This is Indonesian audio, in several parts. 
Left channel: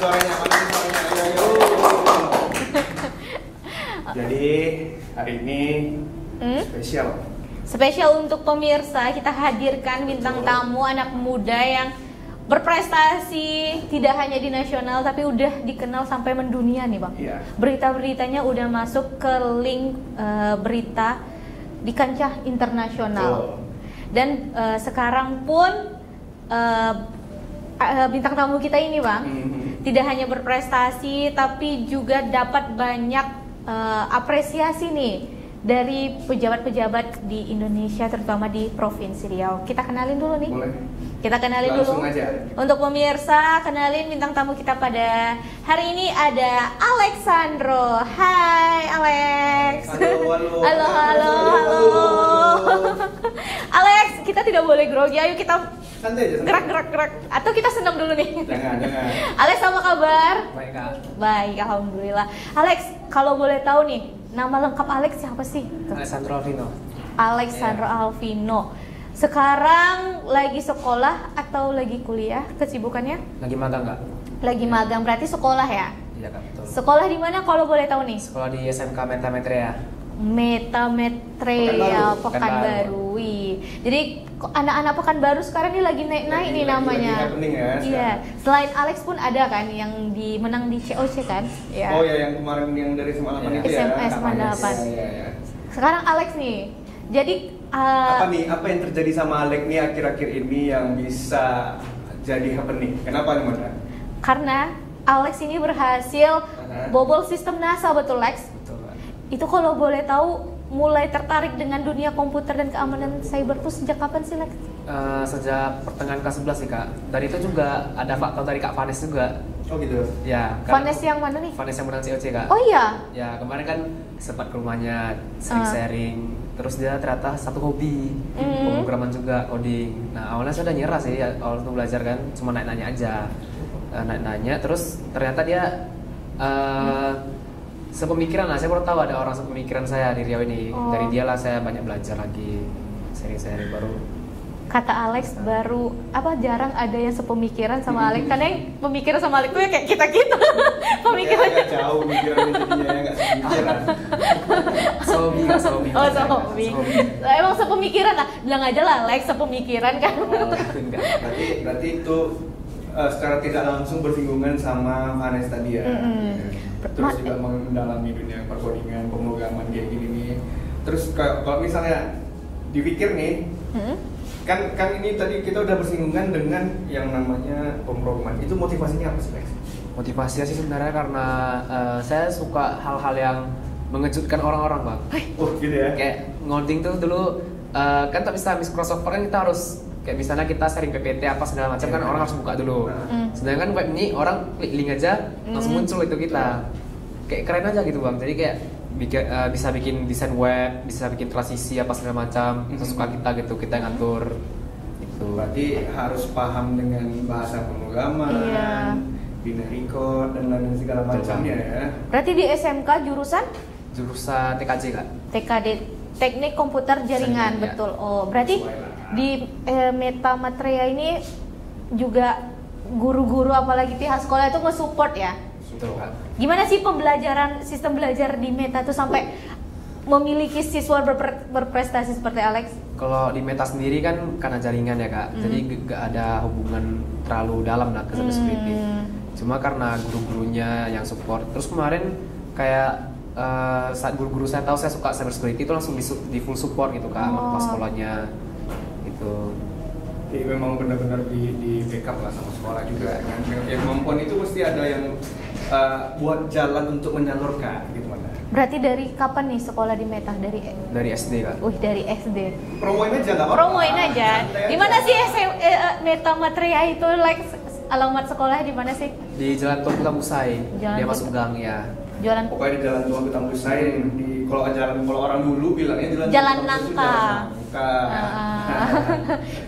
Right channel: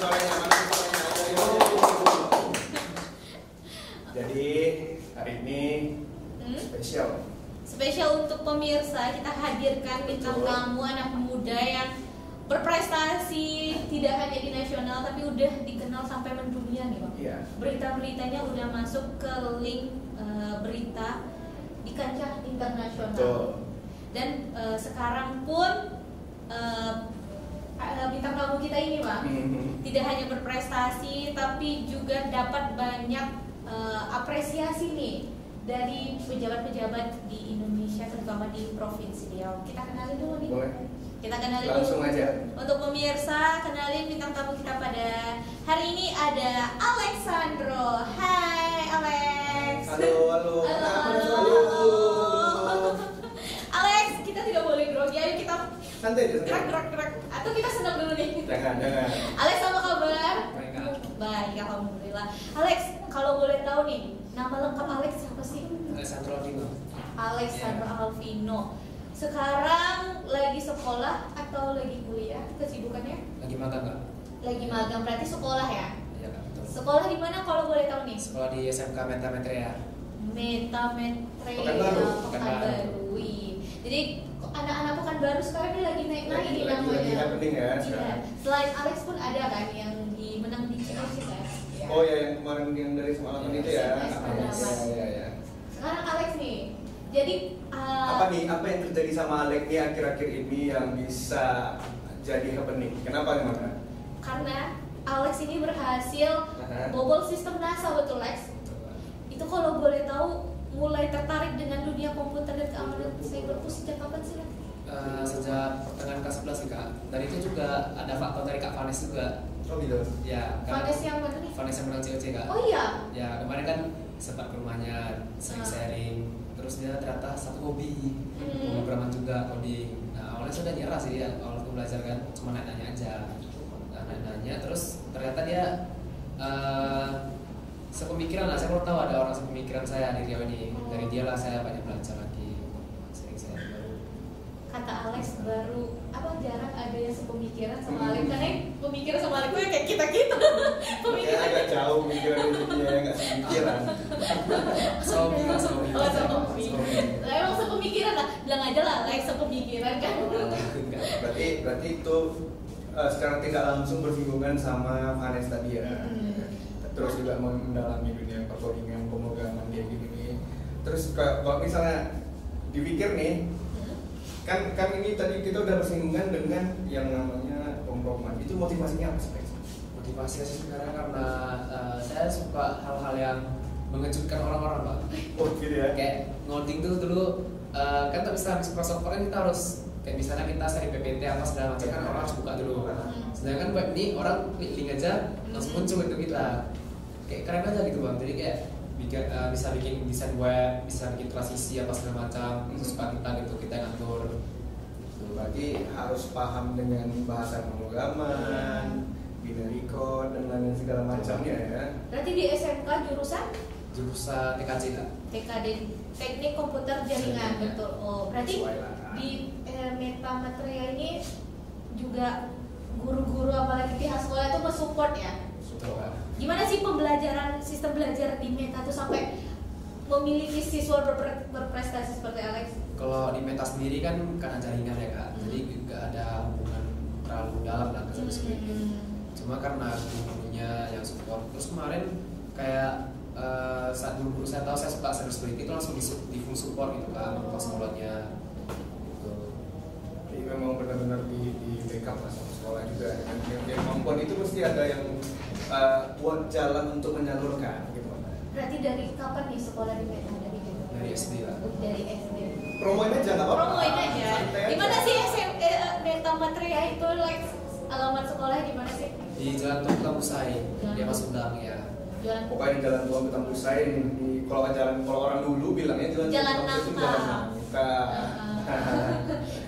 suaranya? Ayo. Jadi hari ini spesial. Spesial untuk pemirsa, kita hadirkan bintang tamu anak muda yang berprestasi tidak hanya di nasional tapi udah dikenal sampai mendunia nih Bang. Iya. Berita-beritanya udah masuk ke link berita di kancah internasional. Dan sekarang pun bintang tamu kita ini Bang tidak hanya berprestasi tapi juga dapat banyak apresiasi nih dari pejabat-pejabat di Indonesia, terutama di Provinsi Riau. Kita kenalin dulu nih. Boleh. Kita kenalin Langsung dulu. aja. Untuk pemirsa, kenalin bintang tamu kita pada hari ini ada Alexandro. Hai Alex. Halo. Halo. Alex, kita tidak boleh grogi. Ayo kita Santai aja. gerak. Atau kita senang dulu nih. Jangan. Alex, apa kabar? Baik, Kak. Baik, alhamdulillah. Alex, kalau boleh tahu nih, nama lengkap Alex siapa sih? Alessandro Alvino. Alexandro Alvino. Sekarang lagi sekolah atau lagi kuliah? Kesibukannya? Lagi magang Kak? Lagi magang, berarti sekolah ya? Iya Kak, betul. Sekolah di mana kalau boleh tahu nih? Sekolah di SMK Metametria. Metametria Pekanbaru. Pekanbaru. Wih. Jadi anak-anak Pekanbaru sekarang ini lagi naik-naik nih namanya. Lagi happening ya. Iya. sekarang. Selain Alex pun ada kan yang menang di COC kan? Iya. Oh ya, yang kemarin yang dari Semarang itu ya. SMS Mandalapan. Iya. Sekarang Alex nih. Jadi Apa yang terjadi sama Alex nih akhir-akhir ini yang bisa jadi happening? Kenapa gimana? karena Alex ini berhasil bobol sistem NASA, betul Lex? Betul Kak. Itu kalau boleh tahu mulai tertarik dengan dunia komputer dan keamanan cyber itu sejak kapan sih Lex? Sejak pertengahan kelas 11 nih Kak. Dari itu juga ada faktor dari Kak Vanes juga. Oh gitu. Ya. Vanes yang mana nih? Vanes yang menang COC Kak. Oh iya? Ya kemarin kan sempat ke rumahnya sering sharing. Terus dia ternyata satu hobi pemrograman juga, coding. Nah awalnya saya udah nyerah sih awal untuk belajar kan, cuma nanya aja. Nanya terus ternyata dia sepemikiran lah. Saya baru tahu ada orang sepemikiran saya di Riau ini. Dari dia lah saya banyak belajar lagi, sharing baru. Kata Alex baru jarang ada yang sepemikiran sama Alex, karena yang pemikiran sama Alex tuh ya kayak kita pemikiran Agak jauh pikirannya jadinya nggak sepikiran. Sobi. oh sobi. Emang sepemikiran lah, bilang aja lah Alex sepemikiran kan. Berarti itu secara tidak langsung bersinggungan sama Vanes tadi ya. Terus juga mendalami dunia perkodingan, pemrograman dia gini nih. Terus kalau misalnya dipikir nih, kan ini tadi kita udah bersinggungan dengan yang namanya pemrograman. Itu motivasinya apa sih, Lex? Motivasinya sih sebenarnya karena saya suka hal-hal yang mengejutkan orang-orang Bang. Oh gitu ya. Kayak ngoding tuh dulu kan tak bisa Microsoft kan kita harus kayak misalnya kita sharing PPT apa segala macam kan orang harus buka dulu. Sedangkan web ini orang klik link aja langsung muncul itu kita. Kayak keren aja gitu Bang. Jadi kayak bisa bikin desain web, bisa bikin transisi apa segala macam sesuka kita gitu, kita yang ngatur. Gitu. Berarti harus paham dengan bahasa pemrograman, binary code dan lain segala macamnya ya. Berarti di SMK jurusan Jurusan TKJ Kak. TKD, Teknik Komputer Jaringan, Ya. betul. Oh, berarti di Metametria ini juga guru-guru apalagi pihak sekolah itu nge-support ya? Betul Kak. Gimana sih sistem belajar di Meta tuh sampai memiliki siswa berprestasi seperti Alex? Kalau di Meta sendiri kan karena jaringan ya Kak, jadi gak ada hubungan terlalu dalam lah ke cybersecurity. Cuma karena guru-gurunya yang support. Terus kemarin kayak saat guru-guru saya tahu saya suka cybersecurity itu langsung di full support gitu Kak, sama kepala sekolahnya gitu. Jadi memang benar-benar di backup lah sama sekolah juga. Yang kemampuan itu mesti ada yang buat jalan untuk menyalurkan gitu mana. Berarti dari kapan nih sekolah di Meta? Dari SD Kak. Dari SD. Promoin aja nggak apa-apa. Promoin aja. Santai Di mana aja. sih Metametria itu alamat sekolahnya di mana sih? Di Jalan Tua Pulang Usai, Jalan dia Tua- masuk gang ya. Jalan Pokoknya di jalan tua kita Pusai kalau orang dulu bilangnya Jalan Tua Pusai itu Nangka. Jalan Nangka.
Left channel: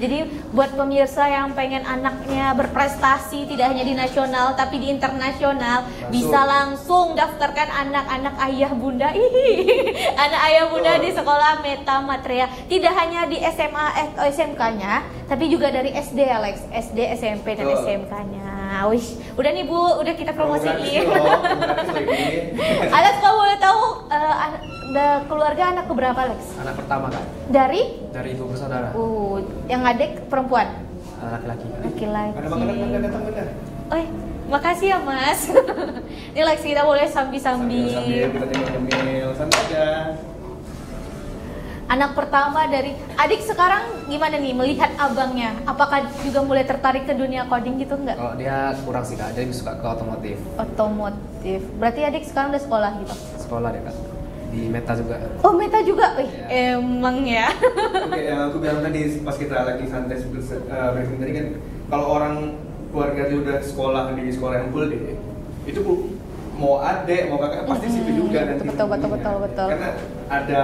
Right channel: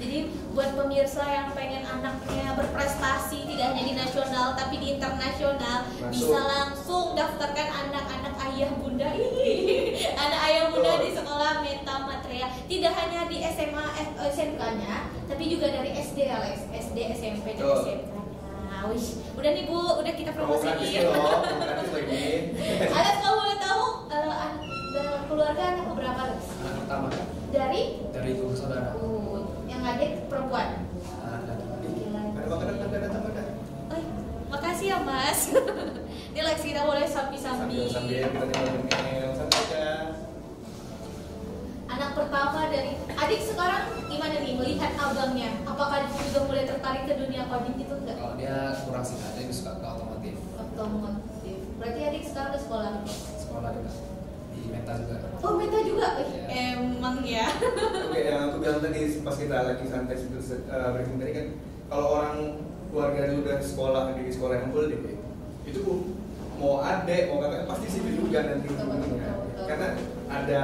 Jadi buat pemirsa yang pengen anaknya berprestasi tidak hanya di nasional tapi di internasional, bisa langsung daftarkan anak-anak ayah bunda. Anak ayah bunda di sekolah Meta Matria. Tidak hanya di SMA SMK-nya, tapi juga dari SD Alex, SD, SMP dan SMK-nya. Wish, udah nih Bu, udah kita promosiin. Alex, kalau boleh tahu keluarga anak keberapa Alex? Anak pertama kan? Dari ibu saudara. Yang adik perempuan? Laki-laki. Ada. Oh, makasih ya Mas. Ini Lex, kita boleh sambil-sambil. Sambil kita nyemil, sambil aja. Anak pertama dari adik sekarang gimana nih melihat abangnya? Apakah juga mulai tertarik ke dunia coding gitu enggak? Kalau dia kurang sih Kak, dia suka ke otomotif. Otomotif. Berarti adik sekarang udah sekolah gitu? Sekolah deh Kak. Di Meta juga. Oh, Meta juga? Yeah. Emang ya. Oke, yang aku bilang tadi pas kita lagi santai briefing tadi kan, kalau orang keluarga itu udah sekolah di sekolah yang full deh, itu mau adek mau kakak pasti sipil juga nanti. Betul. Karena ada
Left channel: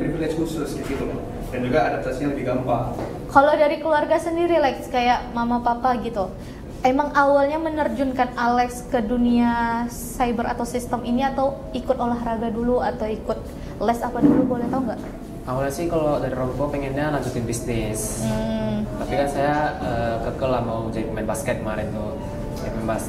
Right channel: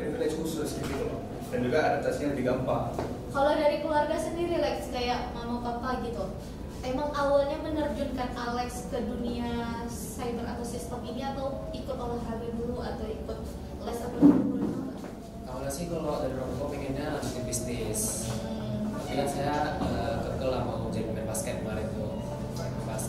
privilege khusus gitu loh, dan juga adaptasinya lebih gampang. Kalau dari keluarga sendiri Lex, kayak mama papa gitu, emang awalnya menerjunkan Alex ke dunia cyber atau sistem ini atau ikut olahraga dulu atau ikut les apa dulu, boleh tahu nggak? Awalnya sih kalau dari orang tua pengennya lanjutin bisnis, tapi kan saya kekeh lah mau jadi pemain basket kemarin tuh.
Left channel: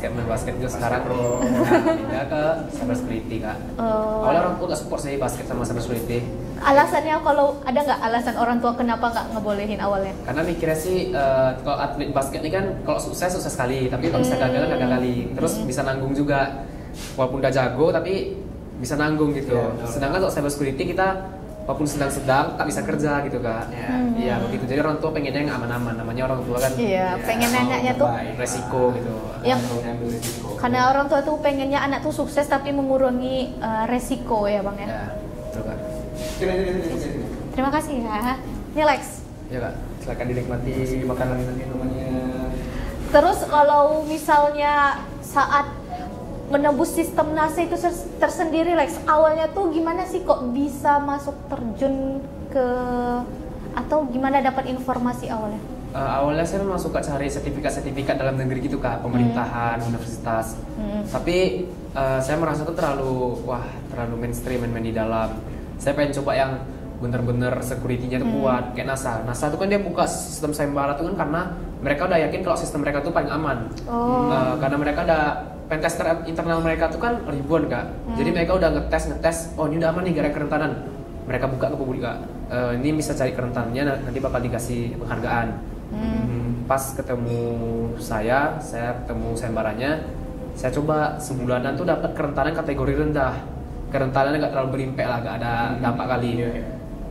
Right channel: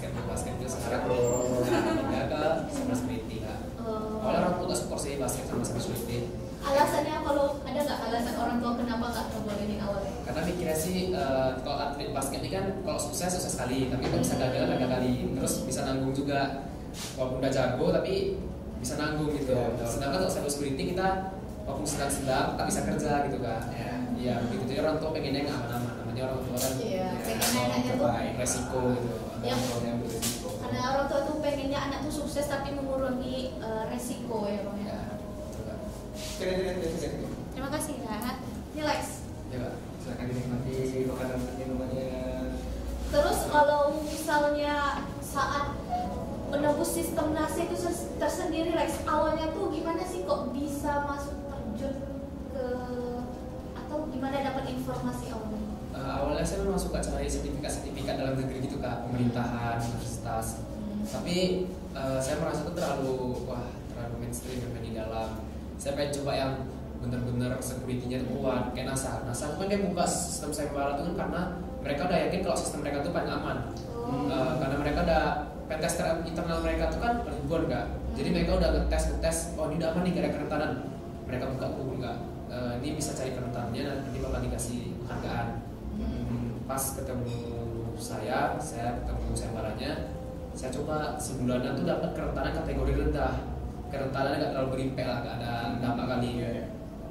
Main basket itu sekarang pindah ke cybersecurity Kak. Awalnya orang tua nggak support saya basket sama cybersecurity. Alasannya, kalau ada nggak alasan orang tua kenapa nggak ngebolehin awalnya? Karena mikirnya sih kalau atlet basket ini kan kalau sukses sekali, tapi kalau bisa gagal kali. Terus bisa nanggung juga, walaupun udah jago tapi bisa nanggung gitu. Sedangkan kalau cybersecurity kita walaupun sedang-sedang tak bisa kerja gitu Kak. Iya begitu. Jadi orang tua pengennya yang aman-aman. Namanya orang tua kan. Iya, pengen anaknya tuh resiko gitu. Karena orang tua tuh pengennya anak tuh sukses tapi mengurangi resiko ya Bang ya. Ya, betul Kak. Terima kasih ya. Ini Lex. Iya Kak. Silakan dinikmati makanan dan minumannya. Terus kalau misalnya saat menembus sistem NASA itu tersendiri Lex, awalnya tuh gimana sih kok bisa masuk terjun ke, atau gimana dapat informasi awalnya? Awalnya saya memang suka cari sertifikat dalam negeri gitu Kak, pemerintahan, universitas. Tapi saya merasa itu terlalu mainstream, main di dalam. Saya pengen coba yang bener-bener security-nya tuh kuat, kayak NASA. NASA itu kan dia buka sistem sayembara itu kan karena mereka udah yakin kalau sistem mereka tuh paling aman. Karena mereka ada pentester internal mereka tuh kan ribuan Kak. Jadi mereka udah ngetes, oh ini udah aman nih gara kerentanan. Mereka buka ke publik Kak. Ini bisa cari kerentanannya, nanti bakal dikasih penghargaan. Pas ketemu saya ketemu sayembaranya, saya coba sebulanan tuh dapat kerentanan kategori rendah. Kerentanannya nggak terlalu berimpact lah, nggak ada dampak kali.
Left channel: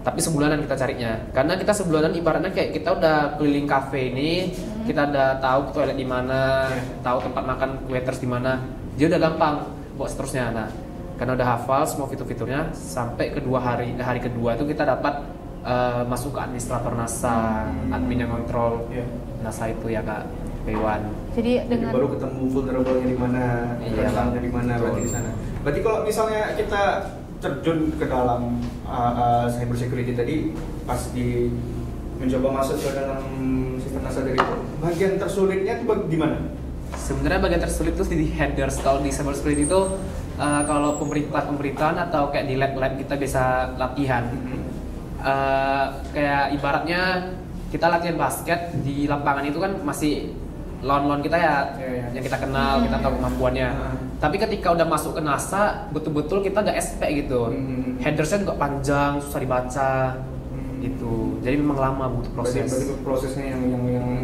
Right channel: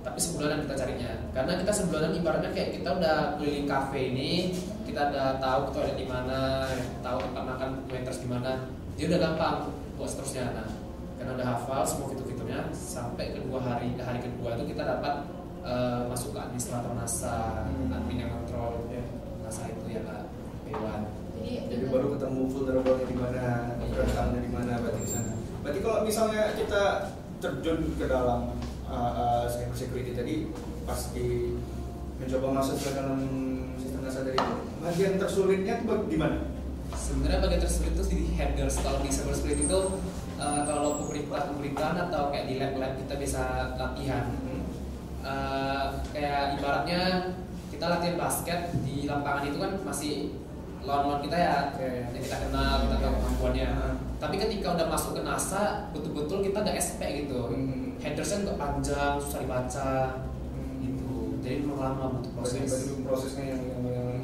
Tapi sebulanan kita carinya, karena kita sebulanan ibaratnya kayak kita udah keliling kafe ini, kita udah tahu toilet di mana, tahu tempat makan waiters di mana, dia udah gampang buat seterusnya. Nah, karena udah hafal semua fitur-fiturnya, sampai hari kedua itu kita dapat masuk ke administrator NASA, admin yang kontrol NASA itu ya Kak, P1. Jadi baru ketemu vulnerable-nya di mana, rentannya di mana, berarti di sana. Berarti kalau misalnya kita terjun ke dalam cyber security tadi, pas mencoba masuk ke dalam sistem NASA dari itu, bagian tersulitnya itu gimana? Sebenarnya bagian tersulit itu di headers. Kalau di cyber security itu kalau pemerintahan atau kayak di lab kita bisa latihan. Kayak ibaratnya kita latihan basket di lapangan itu kan masih lawan kita ya, yang kita kenal, kita tahu kemampuannya. Tapi ketika udah masuk ke NASA, betul-betul kita udah SP gitu. Headersnya juga panjang, susah dibaca gitu. Jadi memang lama butuh proses. Prosesnya yang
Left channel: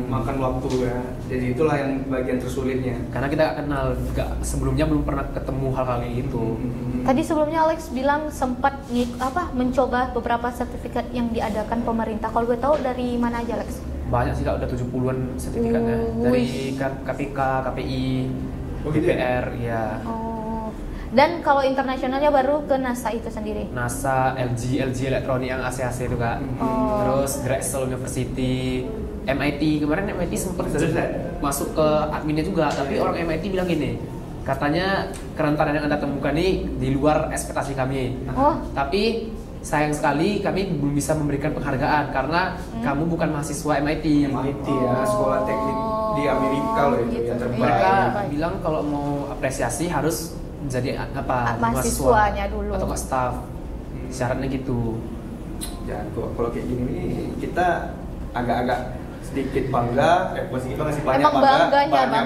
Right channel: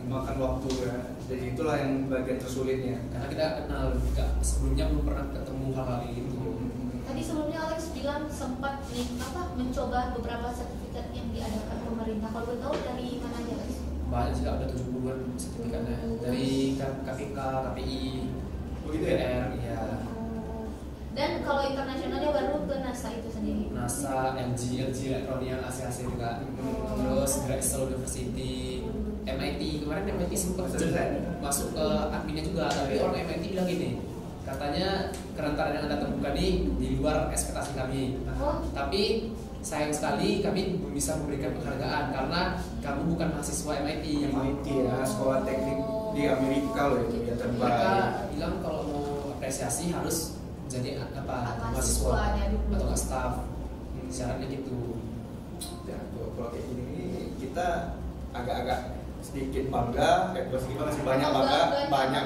makan waktu ya. Jadi itulah yang bagian tersulitnya. Karena kita kenal, sebelumnya belum pernah ketemu hal-hal itu. Tadi sebelumnya Alex bilang sempat mencoba beberapa sertifikat yang diadakan pemerintah. Kalau gue tahu dari mana aja Alex? Banyak sih Kak, udah 70-an sertifikatnya. Dari KPK, KPI, DPR, ya. Dan kalau internasionalnya baru ke NASA itu sendiri? NASA, LG Elektronik yang AC-AC itu Kak. Terus Drexel University, MIT, kemarin MIT sempat masuk ke adminnya juga. Tapi orang MIT bilang gini, katanya kerentanan yang Anda temukan ini di luar ekspektasi kami. Tapi sayang sekali kami belum bisa memberikan penghargaan karena kamu bukan mahasiswa MIT. MIT ya, sekolah teknik di Amerika loh itu yang terbaik. Mereka bilang kalau mau apresiasi harus menjadi mahasiswanya dulu atau staff. Syaratnya gitu. Ya, kalau kayak gini nih, kita agak-agak sedikit bangga, kita masih banyak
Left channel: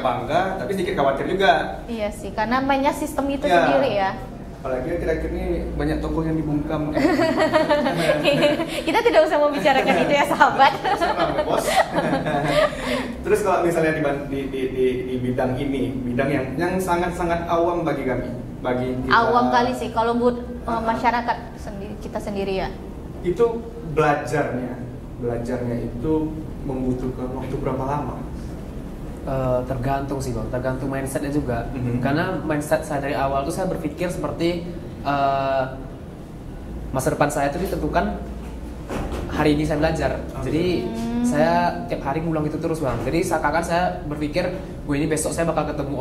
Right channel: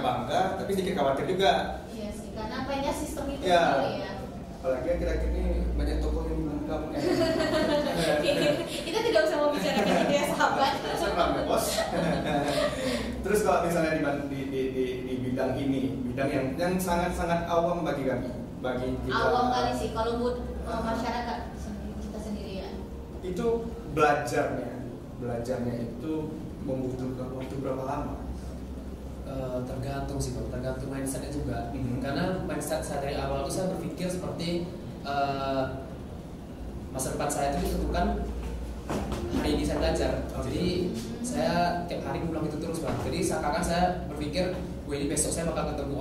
bangga, tapi sedikit khawatir juga. Iya sih, karena banyak sistem itu sendiri ya. Apalagi akhir-akhir ini banyak tokoh yang dibungkam. Kita tidak usah membicarakan itu ya sahabat. Terus kalau misalnya di bidang ini, bidang yang sangat-sangat awam bagi kami, bagi kita, awam kali sih kalau buat masyarakat kita sendiri ya. Itu belajarnya itu membutuhkan waktu berapa lama? Tergantung sih Bang, tergantung mindsetnya juga. Karena mindset saya dari awal tuh saya berpikir seperti masa depan saya itu ditentukan hari ini saya belajar. Jadi saya tiap hari ngulang itu terus Bang. Jadi seakan-akan saya berpikir gue ini besok saya bakal ketemu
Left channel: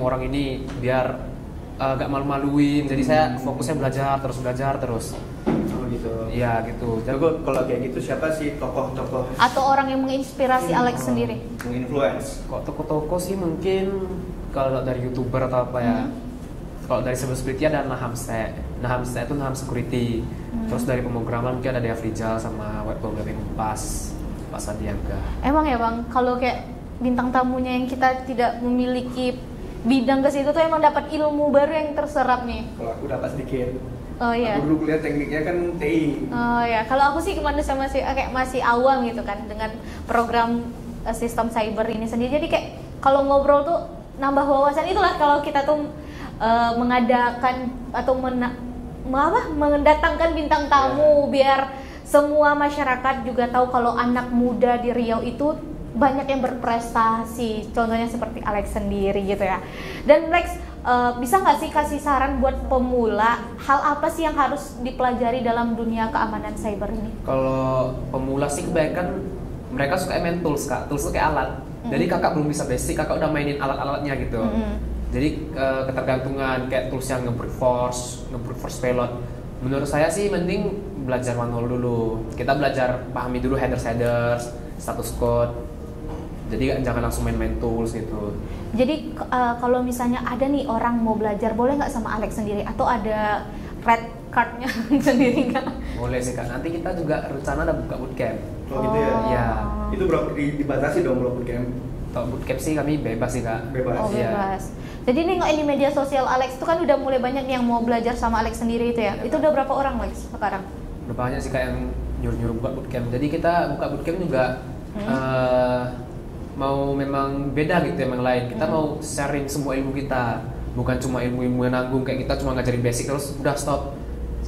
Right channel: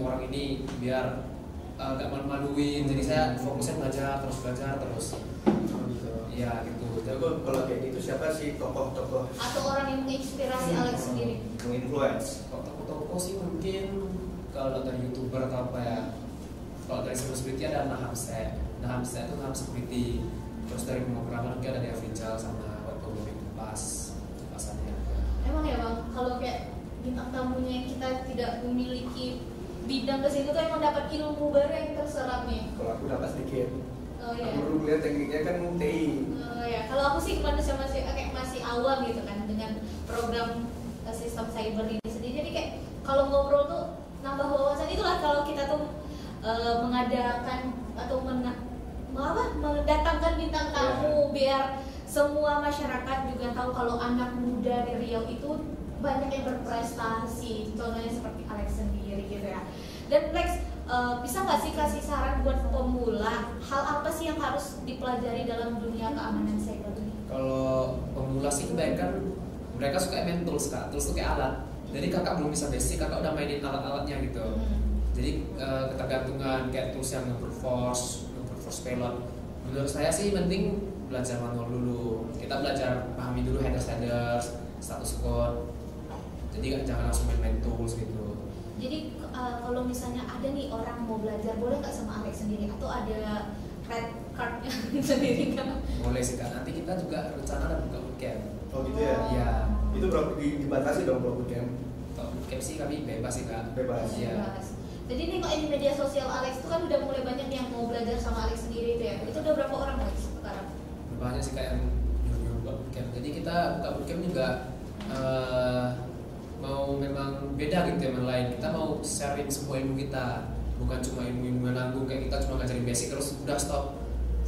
orang ini biar gak malu-maluin. Jadi saya fokusnya belajar terus. Gitu. Iya gitu. Jadi kalau kayak gitu siapa sih tokoh-tokoh atau orang yang menginspirasi Alex sendiri? Menginfluence. Kok tokoh-tokoh sih mungkin kalau dari YouTuber atau apa ya. Kalau dari security ada Naham itu Naham Security. Terus dari pemrograman mungkin ada Afrizal sama web programming Pak Sandiaga. Emang ya Bang, kalau kayak bintang tamunya yang kita tidak memiliki bidang ke situ tuh emang dapat ilmu baru yang terserap nih. Kalau aku dapat sedikit. Oh iya. Aku dulu kuliah tekniknya kan TI. Oh ya, kalau aku sih manusia masih awam gitu kan dengan program sistem cyber ini sendiri. Jadi kayak kalau ngobrol tuh nambah wawasan. Itulah kalau kita tuh mengadakan atau mendatangkan bintang tamu biar semua masyarakat juga tahu kalau anak muda di Riau itu banyak yang berprestasi. Contohnya seperti Alex sendiri gitu ya. Dan Lex, bisa nggak sih kasih saran buat pemula hal apa sih yang harus dipelajari dalam dunia keamanan cyber ini? Kalau pemula sih kebanyakan mereka suka main tools kak, tools kayak alat. Jadi kakak belum bisa basic, kakak udah mainin alat-alatnya gitu. Jadi ketergantungan kayak tools yang nge-brute force payload. Menurut saya sih mending belajar manual dulu. Kita belajar pahami dulu headers, status code. Jadi jangan langsung main tools itu. Jadi kalau misalnya ada nih orang mau belajar, boleh nggak sama Alex sendiri atau ada red cardnya sendiri nggak? Boleh sih kak. Nanti kita juga rencana ada buka bootcamp. Oh gitu ya? Iya. Itu berapa dibatasi dong kalau bootcamp? Kalau bootcamp sih kami bebas sih kak. Bebas. Oh bebas. Jadi nih nggak ini media sosial Alex itu kan udah mulai banyak yang mau belajar sama Alex sendiri itu ya. Itu udah berapa orang Lex sekarang? Berapa banyak sih kak yang nyuruh buka bootcamp. Jadi kita buka bootcamp juga mau memang beda gitu yang lain. Kita mau sharing semua ilmu kita, bukan cuma ilmu yang nanggung kayak kita cuma ngajarin basic terus udah stop.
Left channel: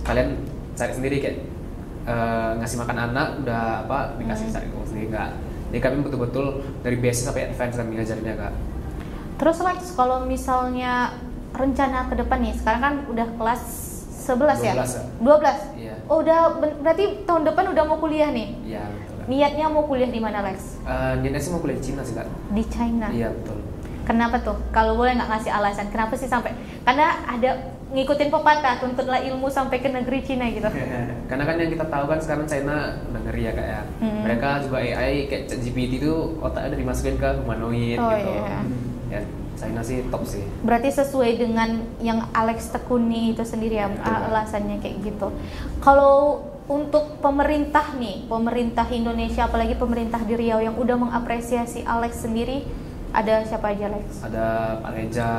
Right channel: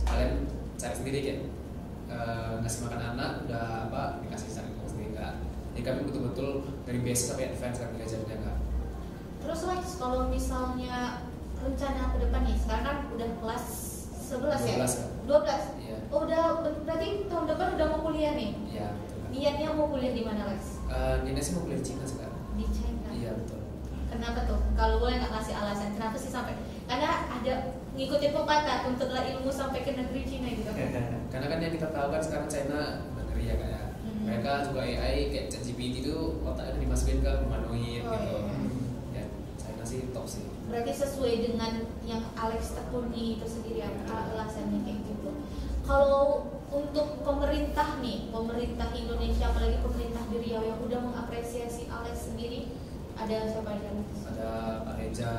Kalian cari sendiri kan, ngasih makan anak udah dikasih cari ilmu sendiri kak. Jadi kami betul-betul dari basic sampai advance yang ngajarinnya kak. Terus Lex, kalau misalnya rencana ke depan nih, sekarang kan udah kelas 11 ya? 12? Iya. Oh udah, berarti tahun depan udah mau kuliah nih? Iya. Niatnya mau kuliah di mana Lex? Niatnya sih mau kuliah di Cina sih kak. Di China? Iya betul. Kenapa tuh? Kalau boleh nggak ngasih alasan, kenapa sih sampai? Karena ada ngikutin pepatah, tuntutlah ilmu sampai ke negeri Cina gitu. Karena kan yang kita tahu kan sekarang China udah ngeri ya kak ya. Mereka juga AI kayak ChatGPT itu otaknya udah dimasukin ke humanoid gitu. Iya. Ya China sih top sih. Berarti sesuai dengan yang Alex tekuni itu sendiri ya alasannya kayak gitu. Kalau untuk pemerintah nih, pemerintah Indonesia apalagi pemerintah di Riau yang udah mengapresiasi Alex sendiri, ada siapa aja Alex? Ada Pak Reja,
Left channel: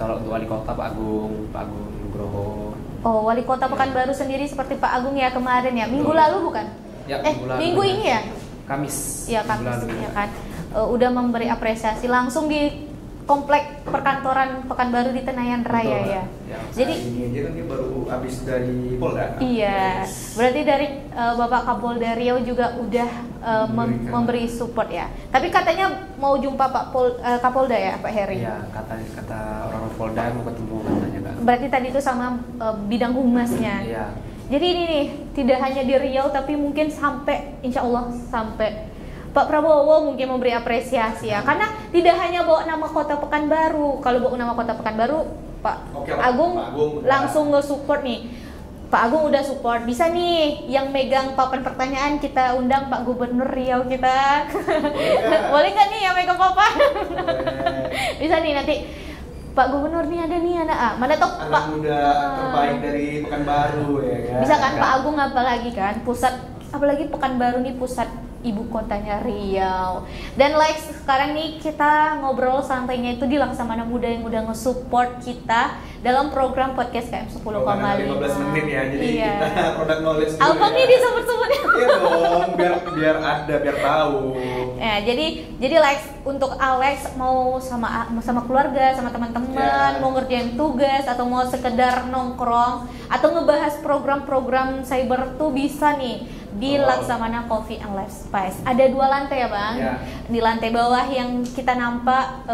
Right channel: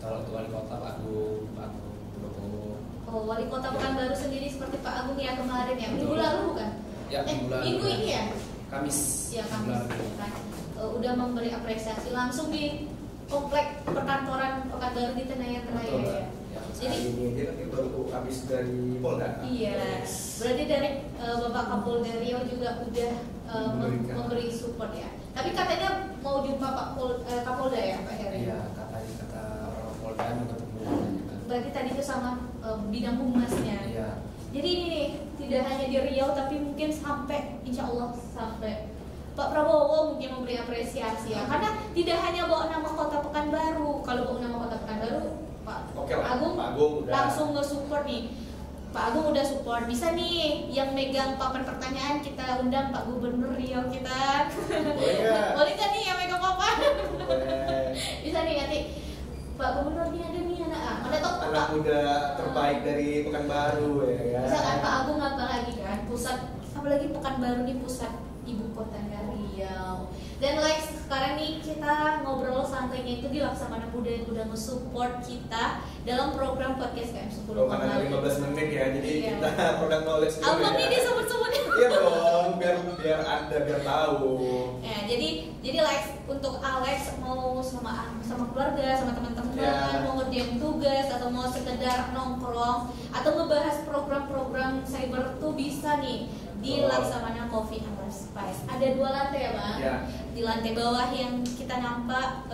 kalau untuk wali kota Pak Agung Nugroho. Oh, wali kota Pekanbaru sendiri seperti Pak Agung ya kemarin ya, minggu lalu bukan? Ya, minggu ini ya? Kamis. Iya Kamis ya kan. Udah memberi apresiasi langsung di komplek perkantoran Pekanbaru di Tenayan Raya ya. Jadi ini kan baru habis dari Polda. Iya. Berarti dari Bapak Kapolda Riau juga udah memberi support ya. Tapi katanya mau jumpa Pak Kapolda ya, Pak Heri. Iya, kata orang Polda mau ketemu katanya kan. Berarti tadi itu sama bidang humasnya. Iya. Jadi ini nih, tidak hanya di Riau tapi mungkin sampai insya Allah sampai Pak Prabowo mungkin memberi apresiasi ya. Karena tidak hanya bawa nama kota Pekanbaru. Kalau bawa nama kota Pekanbaru, Pak Agung langsung nge-support nih. Pak Agung udah support, bisa nih yang megang papan pertanyaan kita undang Pak Gubernur Riau kita. Boleh nggak nih yang megang papan? Bisa nih nanti Pak Gubernur nih ada nih anak mana toh anak Pak muda terbaik dari Pekanbaru ya kan. bisa kan Pak Agung apalagi kan pusat, apalagi Pekanbaru nih pusat ibu kotanya Riau. Dan like sekarang nih kita ngobrol santainya itu di Laksamana Muda yang udah nge-support kita dalam program podcast KM 10,5. 15 menit ya, jadi kita product knowledge dulu. Apa nih disebut-sebutnya? Iya dong, biar ada, biar tahu. Ya, jadi like untuk Alex mau sama keluarga, sama teman-teman, mau ngerjain tugas atau mau sekedar nongkrong atau ngebahas program-program cyber tuh bisa nih di Laksamana Coffee and Life Spice. Ada 2 lantai ya Bang. Di lantai bawah yang kita nampak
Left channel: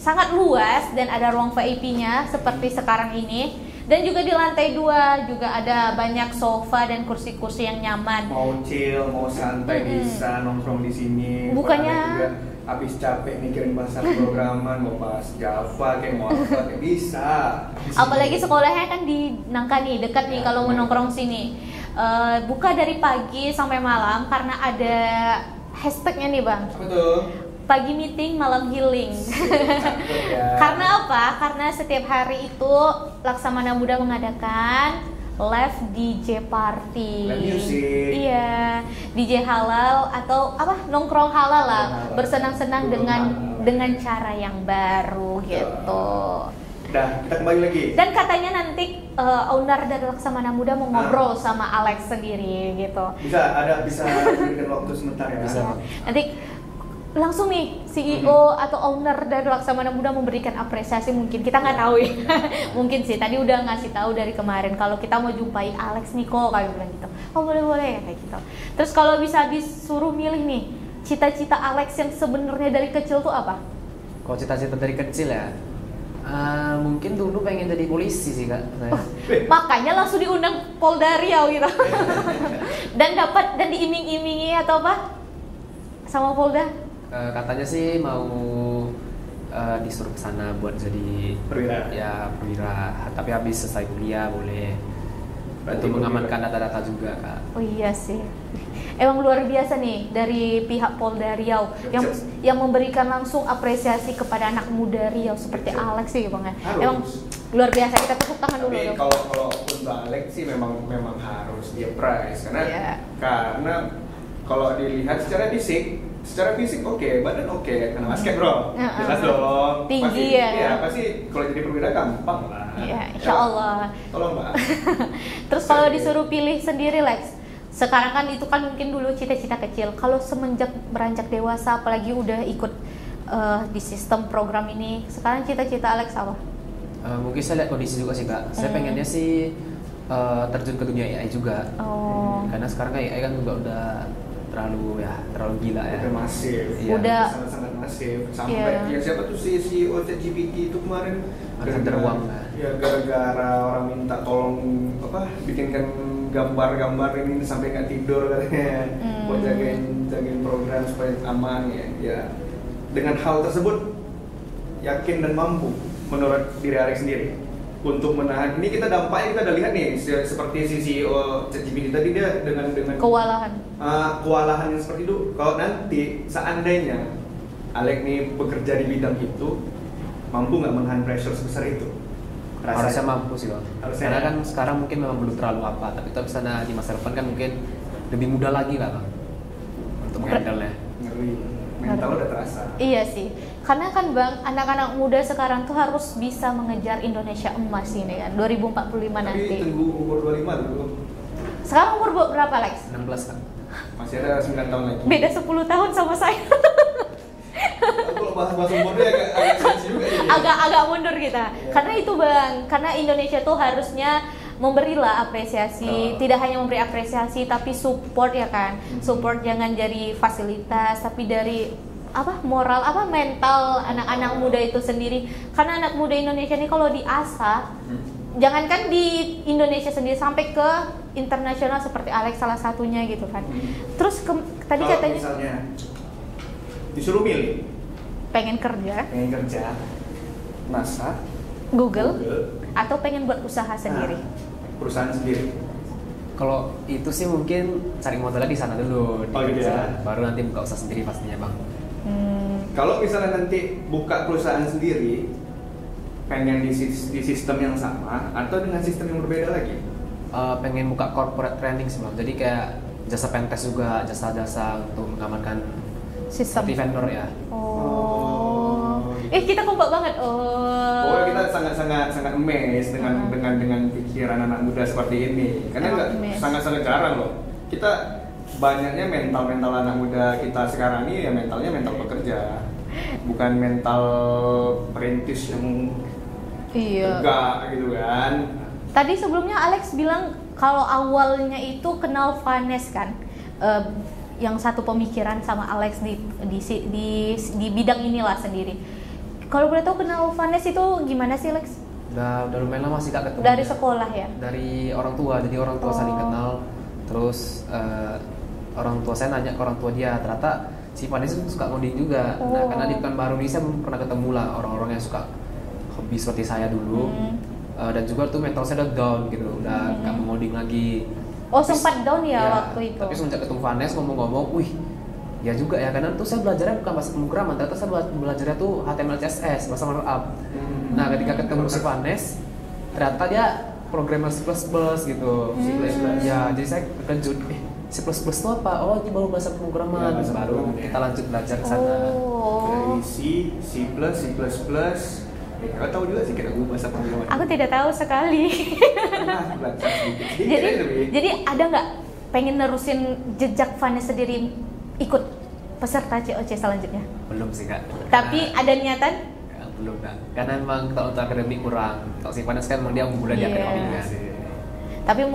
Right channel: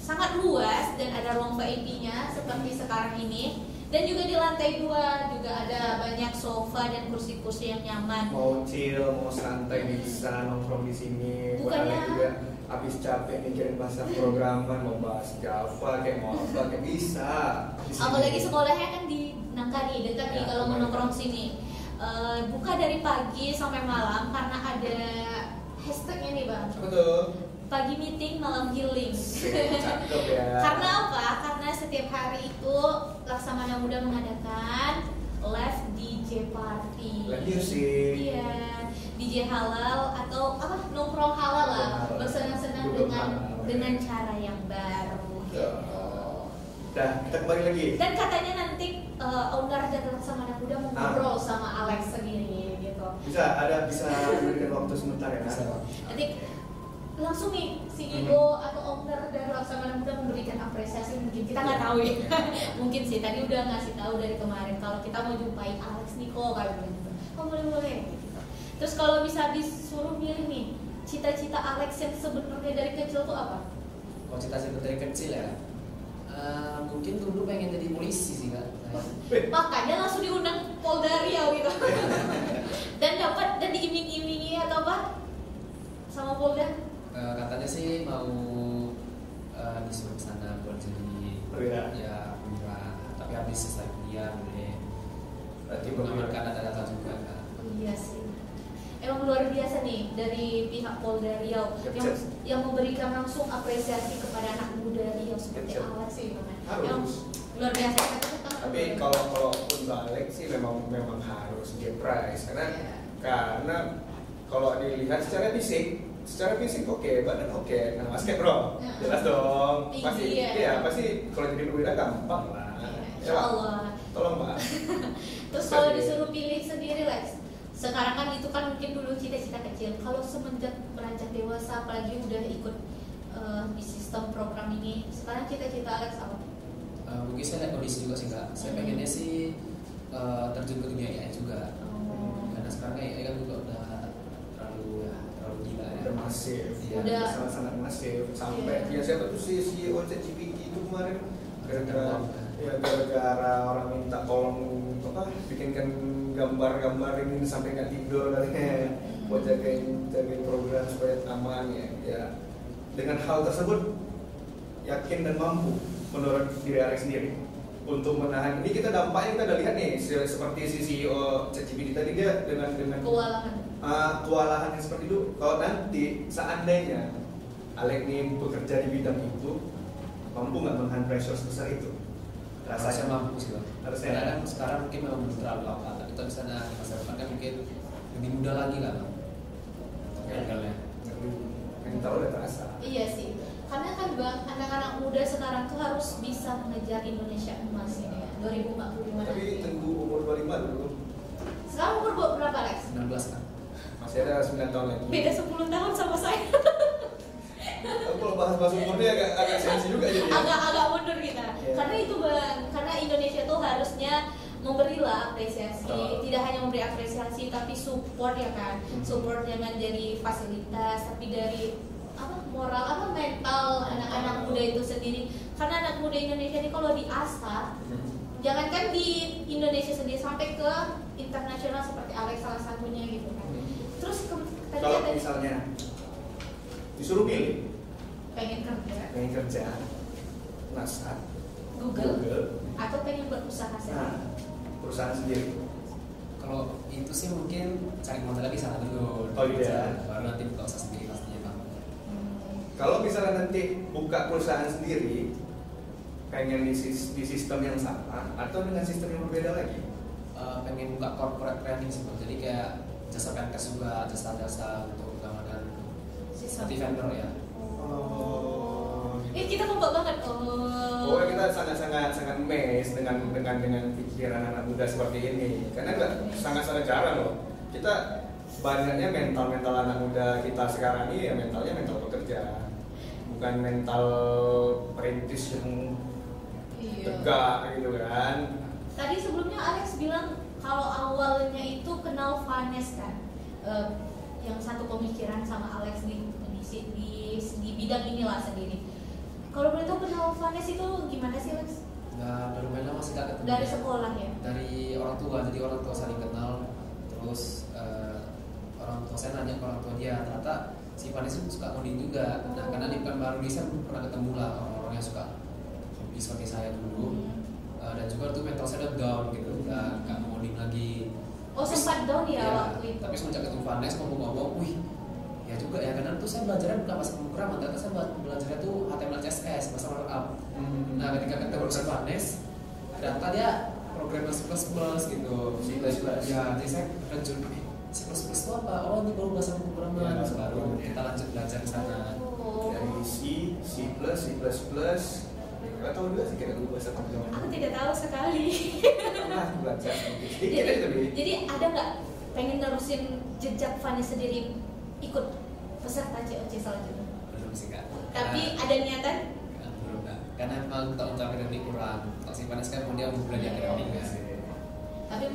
sangat luas dan ada ruang VIP-nya seperti sekarang ini. Dan juga di lantai 2 juga ada banyak sofa dan kursi-kursi yang nyaman. Mau chill, mau santai bisa nongkrong di sini. Bukannya juga habis capek mikirin bahasa programan, mau bahas Java kayak mau apa kayak bisa. Apalagi sekolahnya kan di Nangka nih, dekat nih kalau menongkrong sini. Buka dari pagi sampai malam karena ada hashtagnya nih Bang. Betul. Pagi meeting, malam healing. Ya. Karena apa? Karena setiap hari itu Laksamana Muda mengadakan live DJ party. Live music. Iya, DJ halal atau apa? Nongkrong halal lah. Bersenang-senang dengan cara yang baru gitu. Dah, kita kembali lagi. Dan katanya nanti owner dari Laksamana Muda mau ngobrol sama Alex sendiri gitu. Bisa berikan waktu sebentar ya. Bisa. Nanti langsung nih CEO atau owner dari Laksamana Muda memberikan apresiasi, mungkin kita nggak tahu ya. Mungkin sih tadi udah ngasih tahu dari kemarin kalau kita mau jumpai Alex nih kok kayak gitu. Oh boleh kayak gitu. Terus kalau bisa disuruh milih nih cita-cita Alex yang sebenarnya dari kecil tuh apa? Kalau cita-cita dari kecil ya, mungkin dulu pengen jadi polisi sih Kak. Makanya langsung diundang Polda Riau gitu. Dan diiming-imingi atau apa sama Polda? Katanya sih mau disuruh ke sana buat jadi perwira. Ya perwira, tapi habis selesai kuliah boleh. Berarti mengamankan data-data juga Kak. Oh iya sih. Emang luar biasa nih dari pihak Polda Riau yang memberikan langsung apresiasi kepada anak muda Riau seperti Alex sih Bang ya. Emang luar biasa, kita tepuk tangan dulu. Tapi kalau untuk Alex sih memang harus dia prize karena kalau dilihat secara fisik oke, badan oke, karena basket bro, jelas dong. Tinggi pasti, ya. Iya, pasti kalau jadi perwira gampang lah. Iya, insya Allah. Tolong Mbak. Terus kalau disuruh pilih sendiri Lex, sekarang kan itu kan mungkin dulu cita-cita kecil. Kalau semenjak beranjak dewasa, apalagi udah ikut di sistem program ini, sekarang cita-cita Alex apa? Mungkin saya lihat kondisi juga sih Kak. Saya pengennya sih terjun ke dunia AI juga. Karena sekarang AI kan juga udah terlalu gila ya. Udah masif. Iya. Udah sangat masif. Sampai siapa tuh si ChatGPT itu kemarin teruang. Ya gara-gara orang minta tolong bikinkan gambar-gambar ini sampai nggak tidur katanya buat jagain program supaya aman ya. Dengan hal tersebut yakin dan mampu menurut diri Alex sendiri untuk menahan ini. Kita dampaknya kita udah lihat nih seperti si CEO ChatGPT tadi, dia dengan kewalahan yang seperti itu. Kalau nanti seandainya Alex nih bekerja di bidang itu, mampu nggak menahan pressure sebesar itu? Harusnya mampu sih Bang. Harusnya. Karena kan sekarang mungkin memang belum terlalu apa, tapi kalau misalnya di masa depan kan mungkin lebih mudah lagi lah Bang untuk handle-nya. Ngeri, mental udah terasa. Iya sih, karena kan Bang, anak-anak muda sekarang tuh harus bisa mengejar Indonesia emas ini kan 2045 nanti. Tapi tunggu umur 25 dulu. Sekarang umur berapa Lex? 16 kan. Masih ada 9 tahun lagi. Beda 10 tahun sama saya. Kalau bahas umurnya agak sensi juga ya. Agak mundur kita. Yeah. Karena itu Bang, karena Indonesia tuh harusnya memberilah apresiasi, tidak hanya memberi apresiasi tapi support ya kan. Support jangan jadi fasilitas tapi dari moral mental anak-anak muda itu sendiri. Karena anak muda Indonesia ini kalau diasah, jangankan di Indonesia sendiri sampai ke internasional seperti Alex salah satunya gitu kan. Terus tadi kalau katanya misalnya disuruh milih pengen kerja masak Google atau pengen buat usaha sendiri. perusahaan sendiri? Kalau itu sih mungkin cari modalnya di sana dulu. Oh gitu ya. Baru nanti buka usaha sendiri pastinya bang. Kalau misalnya nanti buka perusahaan sendiri, pengen di sistem yang sama atau dengan sistem yang berbeda lagi? Pengen buka corporate training sih bang. Jadi kayak jasa pentest juga, jasa-jasa untuk mengamankan Sistem vendor ya. Kita kompak banget. Kita sangat amazed dengan pikiran anak muda seperti ini. Karena sangat jarang loh. Kita banyaknya mental anak muda kita sekarang ini ya mentalnya mental pekerja, bukan mental perintis yang tegak gitu kan. Tadi sebelumnya Alex bilang kalau awalnya itu kenal Vanes kan, yang satu pemikiran sama Alex di bidang inilah sendiri. Kalau boleh tahu kenal Vanes itu gimana sih Alex? Udah lumayan lama sih kak ketemu. Dari sekolah ya? Dari orang tua, jadi orang tua saling kenal. Terus orang tua saya nanya ke orang tua dia, ternyata si Vanes itu suka ngoding juga. Nah karena di Pekanbaru ini saya pernah ketemu lah orang-orang yang suka hobi seperti saya dulu. Dan juga tuh mental saya udah down gitu, udah gak mau ngoding lagi. Sempat down ya waktu itu. Tapi semenjak ketemu Vanes ngomong-ngomong, wih ya juga ya, karena tuh saya belajarnya bukan bahasa pemrograman, ternyata saya belajarnya tuh HTML CSS, bahasa markup. Nah ketika ketemu si Vanes, ternyata dia programmer C++ gitu, ya jadi saya terkejut, C++ itu apa? Oh ini baru bahasa pemrograman, baru kita lanjut belajar ke sana. Dari C++, Kakak tahu juga sih kita bahasa pemrograman. Aku tidak tahu sekali. Jadi ada nggak pengen nerusin jejak Vanes sendiri ikut peserta COC selanjutnya? Belum sih kak. Tapi ada niatan? Belum kak. Karena emang kalau untuk akademik kurang. Kalau si Vanes kan emang dia unggulan di akademiknya. Tapi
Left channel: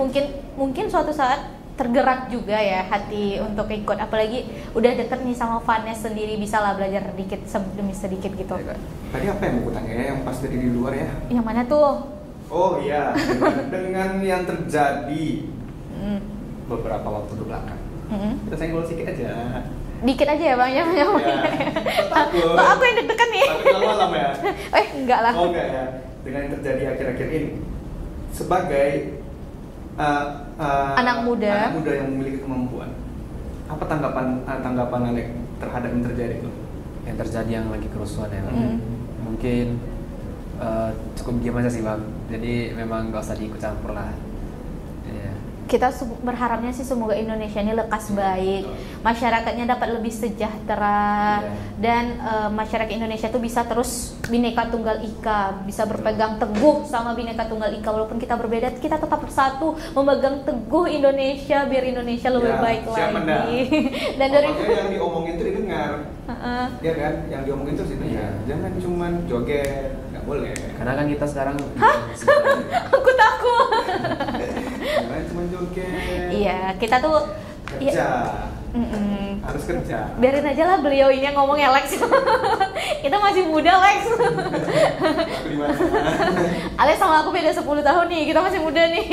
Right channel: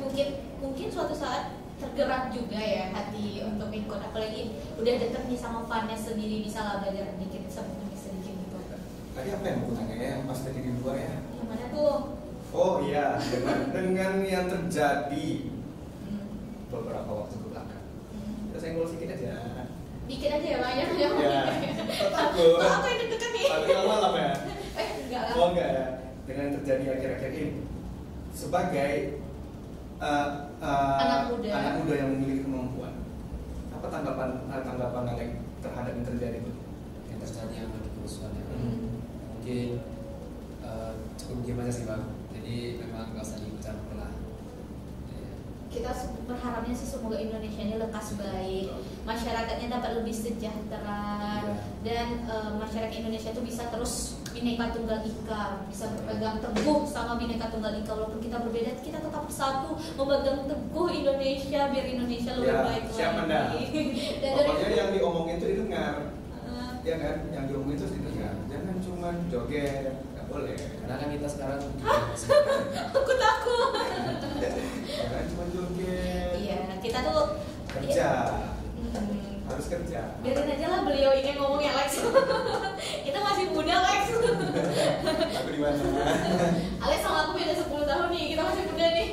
mungkin suatu saat tergerak juga ya hati untuk ikut, apalagi udah deket nih sama Vanes sendiri, bisa lah belajar sedikit demi sedikit gitu. Tadi apa yang aku tanya ya, yang pas dari di luar ya? Yang mana tuh? Oh iya, dengan yang terjadi beberapa waktu belakang. Kita senggol sedikit aja. Dikit aja ya bang ya. Takut. Aku yang deg-degan nih. Tapi malam ya? Enggak lah. Oh enggak ya. Dengan yang terjadi akhir-akhir ini, sebagai anak muda yang memiliki kemampuan, apa tanggapan Alex terhadap yang terjadi itu? Yang terjadi yang lagi kerusuhan ya. Mungkin cukup diam aja sih bang. Jadi memang gak usah diikut campur lah. Kita berharapnya sih semoga Indonesia ini lekas baik, masyarakatnya dapat lebih sejahtera, dan masyarakat Indonesia itu bisa terus Bhinneka Tunggal Ika, bisa berpegang teguh sama Bhinneka Tunggal Ika, walaupun kita berbeda, kita tetap bersatu memegang teguh Indonesia biar Indonesia lebih baik lagi. Dan dari yang diomongin itu didengar, ya kan? Yang diomongin itu sih ya, jangan cuma joget, nggak boleh. Karena kan kita sekarang. Aku takut. Cuma joget. Iya, kita tuh kerja. Harus kerja. Biarin aja lah beliau ini yang ngomong ya Lex. Kita masih muda Lex. Aku di mana? Alex sama aku beda 10 tahun nih, kita masih muda nih.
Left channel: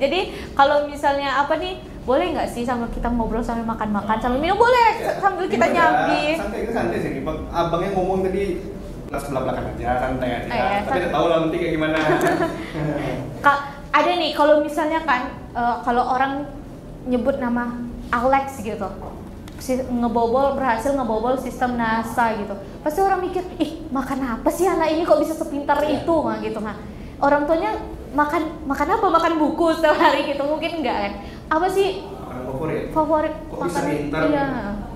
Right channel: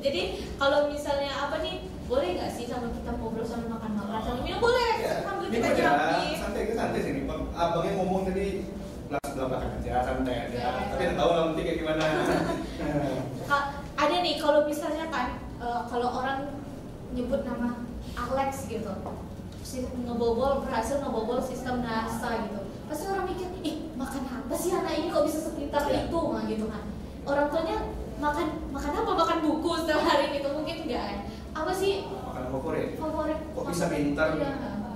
Jadi kalau misalnya apa nih, boleh nggak sih sama kita ngobrol sambil makan-makan sambil minum? Boleh, sambil kita nyambi. Santai sih, abangnya ngomong tadi langsung melakukan aja, santai aja. Tapi udah tahu nanti kayak gimana. Ada nih kalau misalnya kan kalau orang nyebut nama Alex gitu, berhasil ngebobol sistem NASA gitu, pasti orang mikir, makan apa sih anak ini kok bisa sepintar itu mah gitu mah. Orang tuanya makan apa? Makan buku setiap hari gitu, mungkin enggak ya? Apa sih favorit? Kok bisa pintar?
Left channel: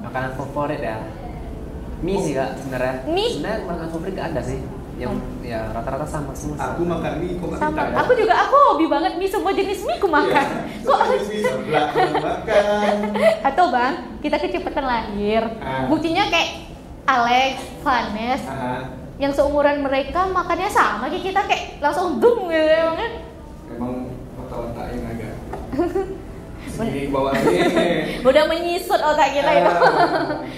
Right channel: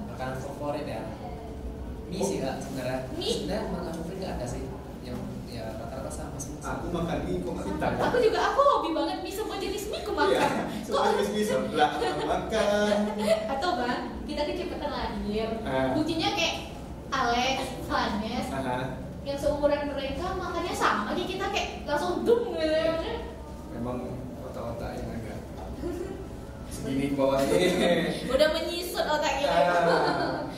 Makanan favorit ya? Mie sih kak sebenarnya. Sebenarnya makanan favorit gak ada sih. Yang ya rata-rata sama semua. Aku makan mie, kok makan. Aku hobi banget mie, semua jenis mie aku makan. Semua jenis mie sebelah makan. Atau bang, kita kecepatan lahir. Buktinya kayak Alex, Vanes, yang seumuran mereka makannya sama kayak kita, kayak langsung dung gitu kan. Emang otak yang agak di bawah ini. Udah menyisut otak kita ya.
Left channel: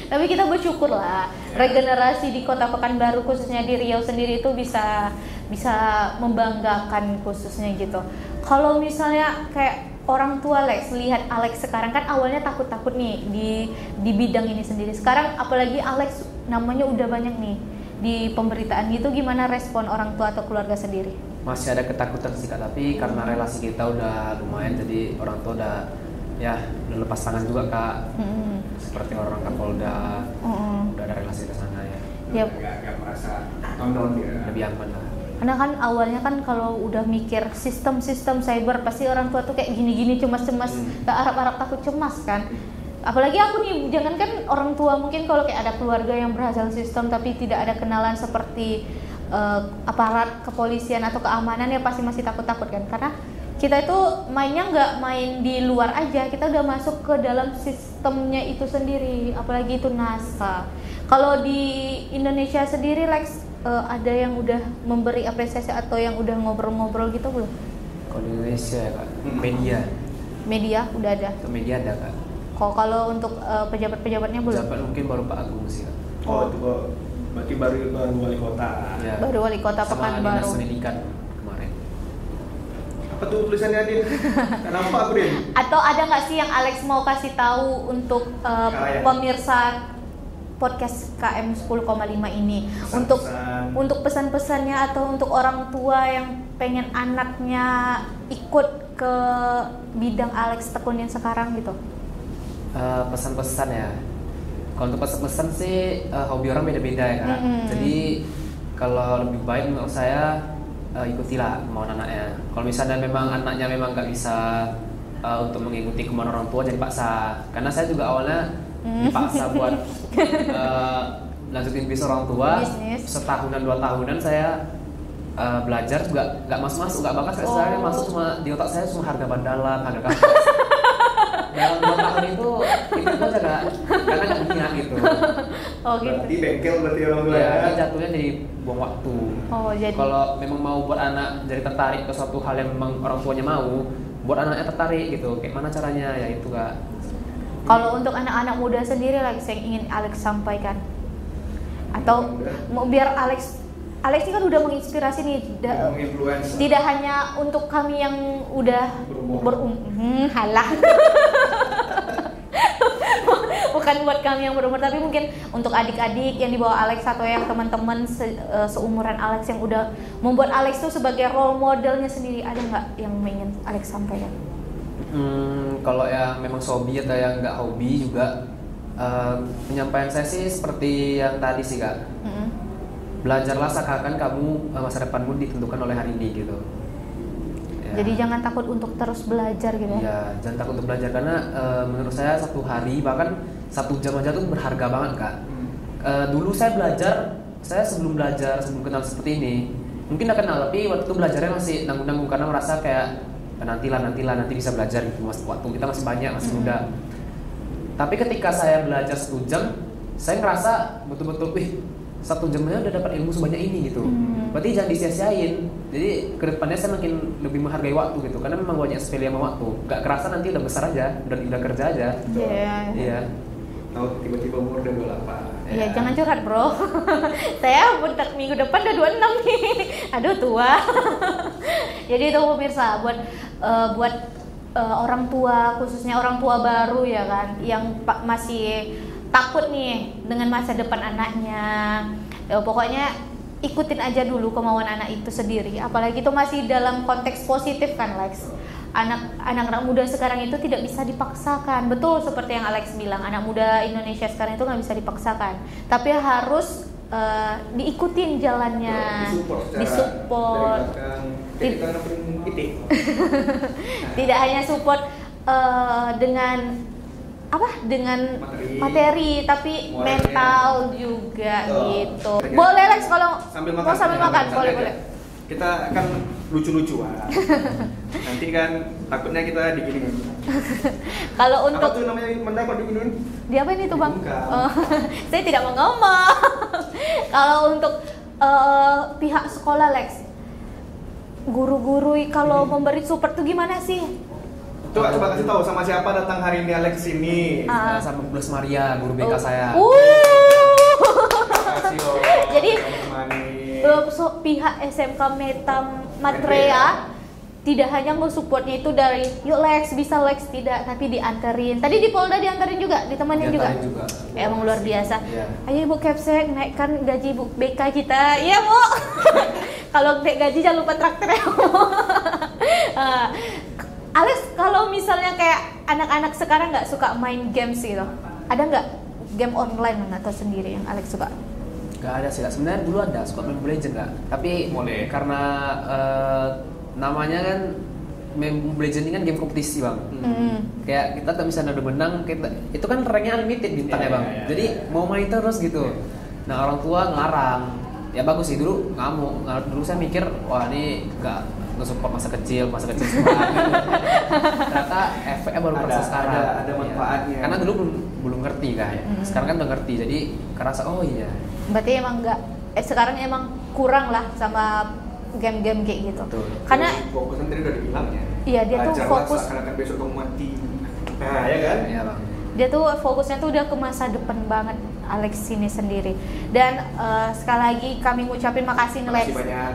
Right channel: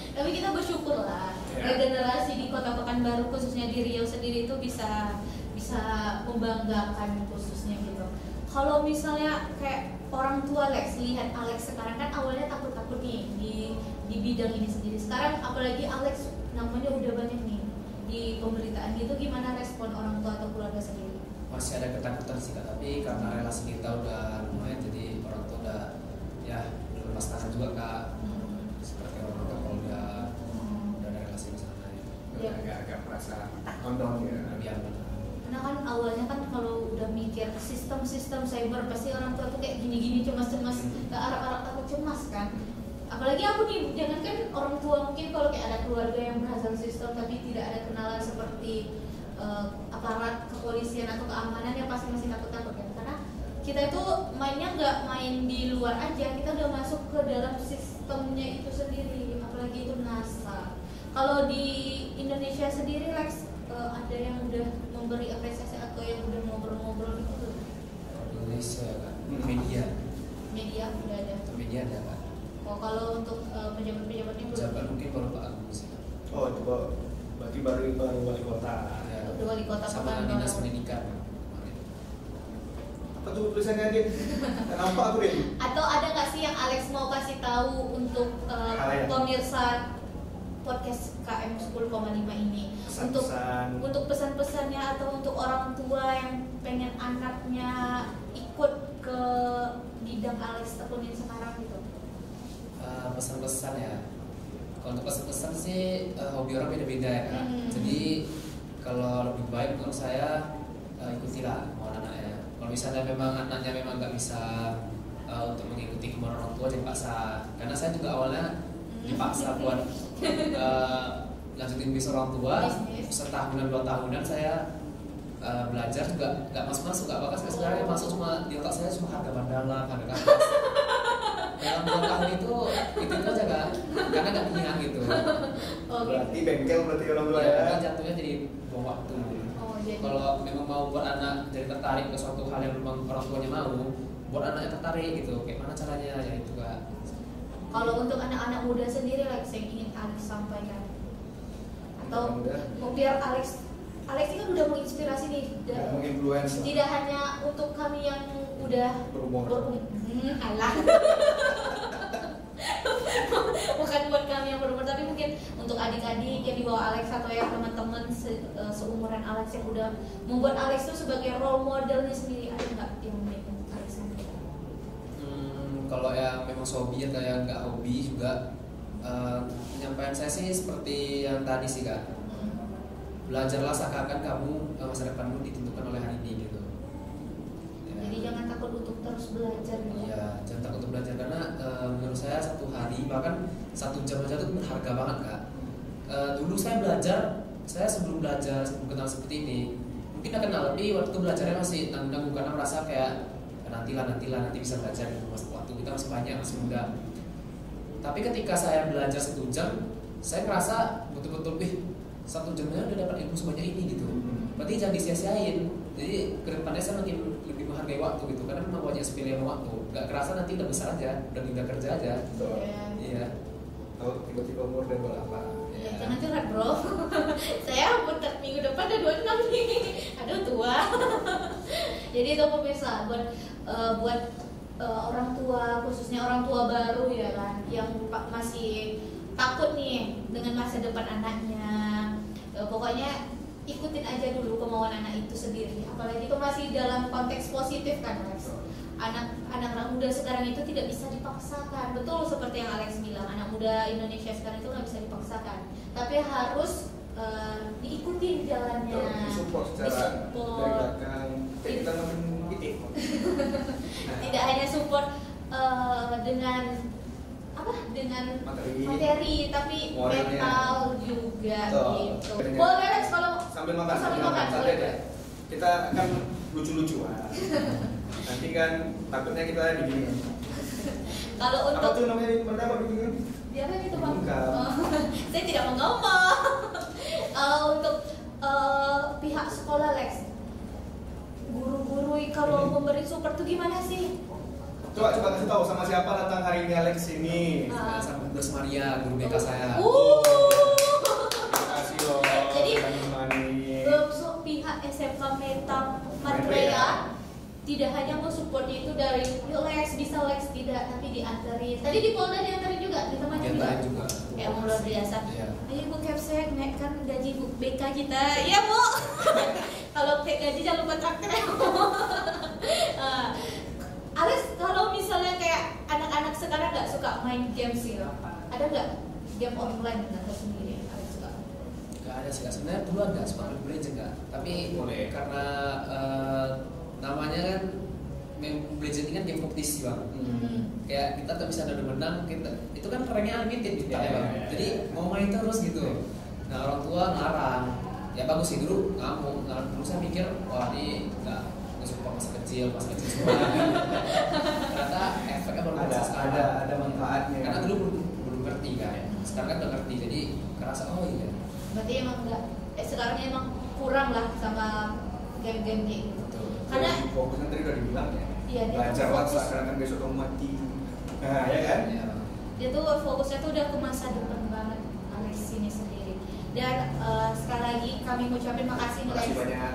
Tapi kita bersyukur lah, regenerasi di Kota Pekanbaru khususnya di Riau sendiri itu bisa membanggakan khususnya gitu. Kalau misalnya kayak orang tua Lex lihat Alex sekarang, kan awalnya takut-takut nih di bidang ini sendiri. Sekarang apalagi Alex namanya udah banyak nih di pemberitaan gitu, gimana respon orang tua atau keluarga sendiri? masih ada ketakutan sih Kak, tapi karena relasi kita udah lumayan, jadi orang tua udah lepas tangan juga Kak. Seperti orang Kapolda, udah ada relasi ke sana ya. Yep. Agak merasa Lebih aman lah. Karena kan awalnya kan kalau udah mikir sistem cyber pasti orang tua tuh kayak gini-gini cemas-cemas, gak harap-harap takut cemas kan. Apalagi aku nih, jangan kan orang tua mungkin kalau kayak ada keluarga yang berhasil sistem tapi tidak ada kenalan seperti aparat kepolisian atau keamanan ya pasti masih takut-takut kan. Karena kita itu mainnya nggak main di luar aja, kita udah masuk ke dalam sistemnya itu sendiri, apalagi itu NASA. Kalau di Indonesia sendiri Lex, ada yang udah memberi apresiasi atau yang udah ngobrol-ngobrol gitu belum? Kalau di Indonesia ya Kak, Media udah ada. Media ada Kak. Kalau untuk pejabat-pejabatnya belum? Pejabat mungkin baru Pak Agung sih. Berarti baru wali kota. Ya. Baru wali kota Pekanbaru. Sama pendidikan kemarin. Apa tuh tulisannya Din? Kenapa aku Din? Atau ada nggak sih yang Alex mau kasih tahu untuk pemirsa podcast KM 10,5 ini, untuk pesan-pesannya atau untuk orang tua yang pengen anaknya ikut ke bidang Alex tekunin sekarang gitu? Pesan-pesan ya. Kalau untuk pesan-pesan sih hobi orang beda-beda ya Kak. Jadi kalau lebih baik menurut saya ikutilah kemauan anaknya. Kalau misalnya memang anaknya memang nggak bisa untuk mengikuti kemauan orang tua, jadi paksa. Karena saya juga awalnya dipaksa buat lanjutin bisnis orang tua. Setahunan 2 tahunan saya belajar juga nggak masuk nggak bakat. Saya masuk cuma di otak saya cuma harga bandalan, harga kantor. Dalam 2 tahun itu aja Kak, karena punya gitu. Berarti bengkel berarti orang tua ya. Jatuhnya jadi buang waktu. Jadi kalau memang mau buat anak jadi tertarik ke suatu hal yang memang orang tuanya mau, buat anaknya tertarik gitu. Kayak mana caranya ya itu Kak. Kalau untuk anak-anak muda sendiri Alex yang ingin Alex sampaikan, atau mau biar Alex kan udah menginspirasi nih, tidak hanya untuk kami yang udah halang bukan buat kami yang berumur, tapi mungkin untuk adik-adik yang di bawah Alex atau yang teman-teman seumuran Alex yang udah membuat Alex itu sebagai role modelnya sendiri. Ada nggak yang ingin Alex sampaikan? Kalau yang memang hobi atau yang nggak hobi juga, penyampaian saya sih seperti yang tadi sih Kak. Belajarlah seakan kamu masa depanmu ditentukan oleh hari ini gitu. Ya. Jadi jangan takut untuk terus belajar gitu. Iya, jangan takut untuk belajar karena menurut saya 1 hari bahkan 1 jam aja tuh berharga banget Kak. Dulu saya belajar, saya sebelum kenal seperti ini, mungkin akan kenal, tapi waktu itu belajarnya masih nanggung karena merasa kayak nanti bisa belajar gitu, waktu kita masih banyak, masih muda. Tapi ketika saya belajar 1 jam, saya ngerasa betul-betul 1 jamnya udah dapat ilmu sebanyak ini gitu. Berarti jangan disia-siain. Jadi kedepannya saya makin lebih menghargai waktu gitu, karena memang banyak sekali yang waktu. Gak kerasa nanti udah besar aja, udah kerja aja. Iya. Tahu tiba-tiba umur udah 28. Iya, jangan curhat bro. Saya bentar minggu depan udah 26 nih. Aduh tua. Jadi itu pemirsa buat orang tua, khususnya orang tua baru ya kan, yang masih takut nih dengan masa depan anaknya. Pokoknya ikutin aja dulu kemauan anak itu sendiri. Apalagi itu masih dalam konteks positif kan Lex. Anak-anak muda sekarang itu tidak bisa dipaksakan. Betul seperti yang Alex bilang, anak muda Indonesia sekarang itu nggak bisa dipaksakan. Tapi harus diikutin jalannya, disupport. Tidak hanya support dengan materi, tapi mental juga gitu. Boleh Lex kalau sambil mau sambil makan, boleh. Kita akan lucu-lucuan. Nanti kan takutnya kita diginiin. Kalau untuk apa tuh namanya mendapat diginiin? Di apa ini tuh Bang? Saya tidak mau ngomong. Kalau untuk pihak sekolah Lex, guru-guru kalau memberi support tuh gimana sih? Coba kasih tahu sama siapa datang hari ini Alex ini. Sama Bu Maria, guru BK saya. Makasih loh. Jadi pihak SMK Meta Matrea tidak hanya support-nya itu dari yuk Lex, bisa Lex, tidak, tapi dianterin. Tadi di Polda dianterin juga, ditemanin juga. Emang luar biasa. Ayo Ibu Capsek, naikkan gaji Bu BK kita. Iya Bu. Kalau naik gaji jangan lupa traktir ya Bu. Alex, kalau misalnya kayak anak-anak sekarang nggak suka main games gitu, ada nggak game online atau sendiri yang Alex suka? Gak ada sih, sebenarnya dulu ada suka main Mobile Legends, tapi karena namanya kan Mobile Legends ini kan game kompetisi bang. Kayak kita tak bisa nado menang, itu kan ranknya unlimited bintangnya bang. Jadi mau main terus gitu. Nah orang tua ngelarang. Ya bagus sih, dulu ngamuk. Dulu saya mikir wah ini nggak support masa kecil semua. Ternyata efeknya baru sekarang. Ada manfaatnya. Karena dulu belum ngerti kan. Sekarang kan udah ngerti, jadi kerasa oh iya. Berarti emang nggak, sekarang emang kurang lah sama game-game kayak gitu. Betul. Karena fokusnya tadi udah dibilang ya. Iya, dia tuh fokus. Karena kan besok kamu mati. Nah, ya kan? Iya, Bang. Dia tuh fokusnya tuh udah ke masa depan banget Alex ini sendiri. Dan sekali lagi kami ngucapin makasih Lex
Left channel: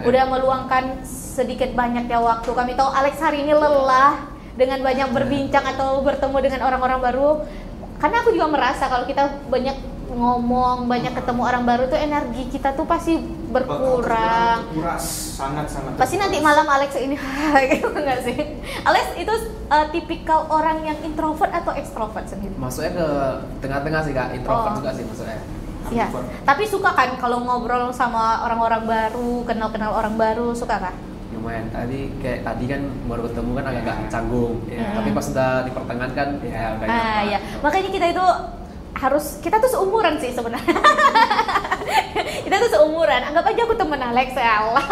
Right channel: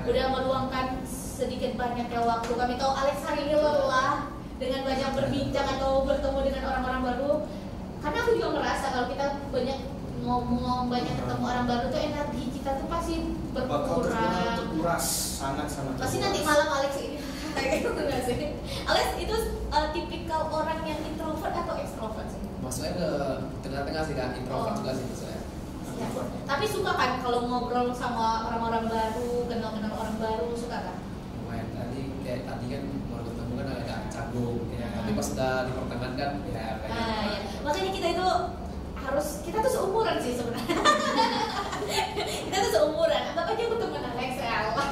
udah meluangkan sedikit banyaknya waktu. Kami tahu Alex hari ini lelah dengan banyak berbincang atau bertemu dengan orang-orang baru. Karena aku juga merasa kalau kita banyak ngomong, banyak ketemu orang baru tuh energi kita tuh pasti berkurang. Terkuras, sangat. Pasti nanti malam Alex ini gitu enggak sih? Alex itu tipikal orang yang introvert atau ekstrovert sendiri? Masuknya ke tengah-tengah sih kak, introvert juga sih maksudnya. Iya. Tapi suka kan kalau ngobrol sama orang-orang baru, kenal-kenal orang baru, suka kan? Lumayan. Tadi kan baru ketemu kan agak canggung. Ya. Tapi pas udah di pertengahan kan ya kayak. Ya. Makanya kita tuh seumuran sih sebenarnya. Kita tuh seumuran. Anggap aja aku temen Alex ya Allah.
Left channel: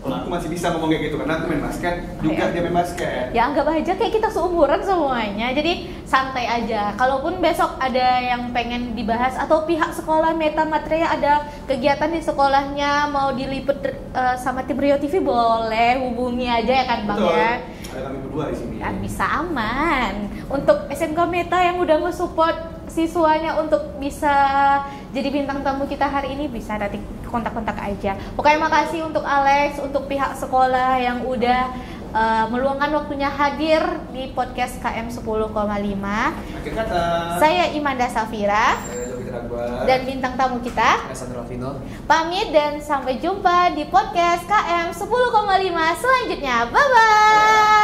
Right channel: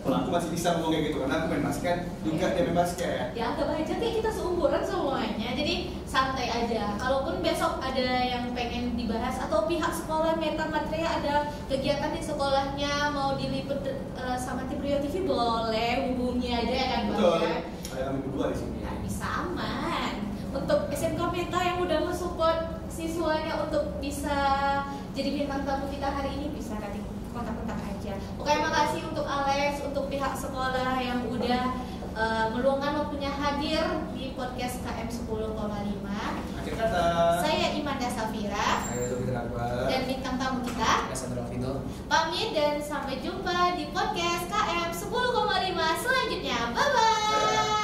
Aku masih bisa ngomong kayak gitu karena aku main basket juga, dia main basket. Ya anggap aja kayak kita seumuran semuanya. Jadi santai aja. Kalaupun besok ada yang pengen dibahas atau pihak sekolah Meta Matria ada kegiatan di sekolahnya mau diliput sama tim Rio TV, boleh hubungi aja ya kan Bang. Betul. Ya. Ada kami berdua di sini. Ya, bisa aman. Untuk SMK Meta yang udah nge-support siswanya untuk bisa jadi bintang tamu kita hari ini, bisa nanti kontak-kontak aja. Pokoknya makasih untuk Alex, untuk pihak sekolah yang udah meluangkan waktunya hadir di podcast KM 10,5. Akhir kata. Saya Imanda Safira. Saya Sofi Teragwa. Dan bintang tamu kita Sandro Vino. pamit dan sampai jumpa di podcast KM 10,5 selanjutnya. Bye bye.